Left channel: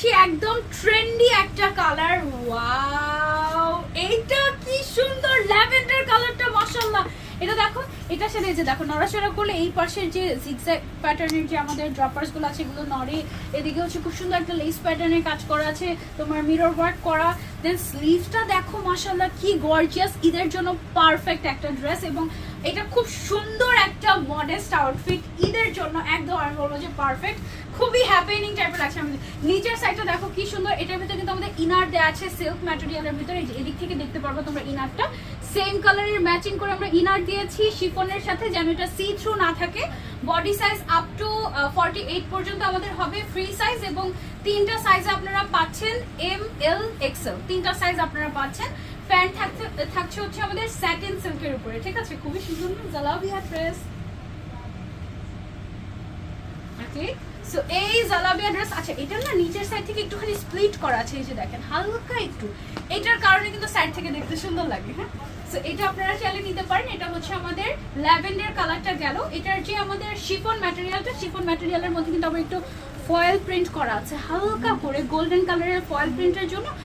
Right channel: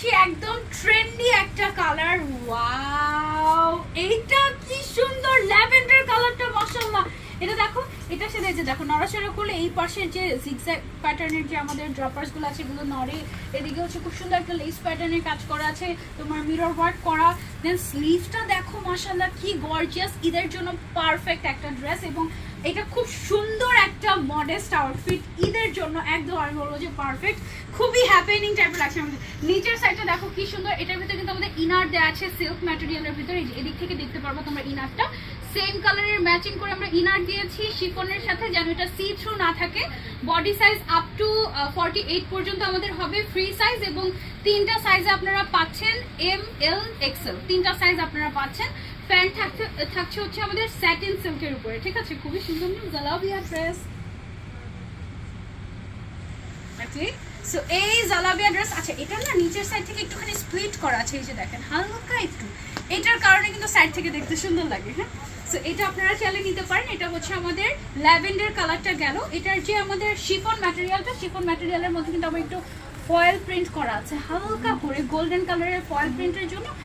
যাচ্ছি একদম ট্রেন্ডি একটা কালার। ওয়াও, এইটা কি সুন্দর ল্যাভেন্ডার কালারটা, মাশাআল্লাহ। এটা দেখো, এটার সাথে যে দেখো নড়াচড়া করলে এই পাশের যে জিগজ্যাগ প্যাটার্নের যে আমাদের ড্রপার্স গুলো আছে এগুলো নড়ে। এদিকে হচ্ছে খুব সুন্দর একটা লেস প্যাটার্নের কাজ করা আছে, তোমার মিরর ওয়ার্ক করা। দেন স্লিভসটা দেখো মাশাআল্লাহ কি গর্জিয়াস, ঈদের জন্য পারফেক্ট একটা ড্রেস। এবং এটা খুব সুন্দর একটা মডেস্ট আউটফিট ঈদের জন্য, একদম আমি বলবো যে পারফেক্ট, খুবই হ্যাপেনিং টাইপের লাগছে আমাদের। নিচের সাইডটা দেখো কি সুন্দর, এটার ভিতরে কিন্তু আমাদের ইনার দেওয়া আছে সিল্ক ম্যাটেরিয়ালের ভিতরে। এদিক থেকে দেখতে পারবো তোমরা ইনারটা সেম কালারের ম্যাচিং করে আমরা ইনার দিয়েছি শিফনের সাথে, যেন এটা সি থ্রু না থাকে। বডি সাইজ আপ টু 48 পর্যন্ত আমাদের হবে ফ্রি সাইজ, এবং তিনটা সাইজে আপনারা পাচ্ছেন এম এল এক্সেল, তিনটা সাইজ আপনারা পাচ্ছেন। প্যান্ট থাকছে হচ্ছে আমাদের স্যাটিন সিল্কের উপরে, ঠিক আছে? খুবই সুন্দর জালাবিয়া ড্রেস। ওকে, সো এই জালাবিয়া ড্রেস। আচ্ছা, এটা না নিচের সাইড থেকে একটুখানি স্প্লিট করা আছে, এই যে দেখেন হালকা একটু, এটার কারণে কিন্তু সাইড থেকে দেখতে সুন্দর লাগে। হ্যাঁ, সো এটা আপনারা চাইলে নিতে পারেন। এটা হচ্ছে আমাদের ল্যাভেন্ডার কালারটা গেল। এটার যে আমাদের শিফন ম্যাটেরিয়ালটা, শিফন ম্যাটেরিয়ালের মধ্যে কিন্তু আবার একটু ফয়েল প্রিন্ট করা আছে হালকা করে, গোল্ডেন কালারের ফয়েল প্রিন্টের জন্য।